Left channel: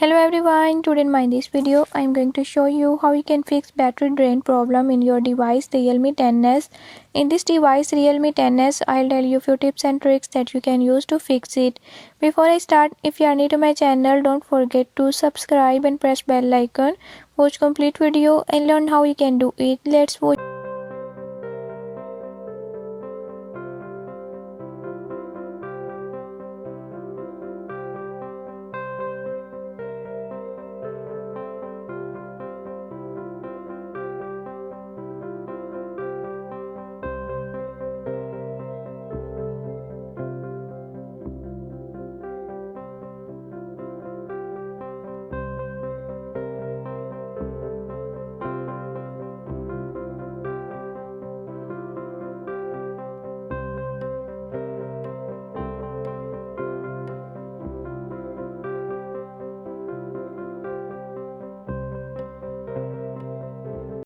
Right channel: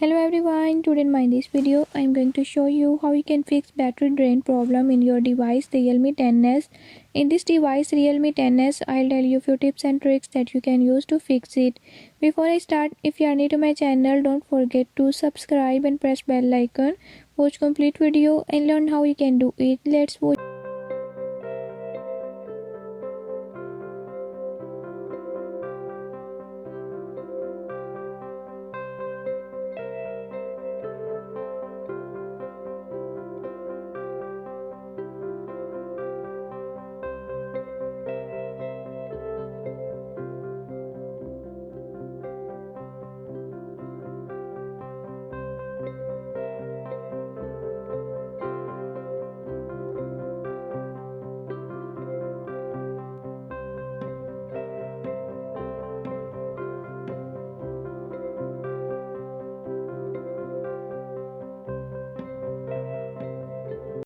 Hello everyone, today in this video I am going to show you how you can fix battery drain problem in your device Realme 10s. In this device Realme 10s, I'll tell you few tips and tricks that you can use to fix it. Before I start, if you are new to my channel, don't forget to subscribe and press bell icon. Watch complete video and learn how you can do it. Let's watch.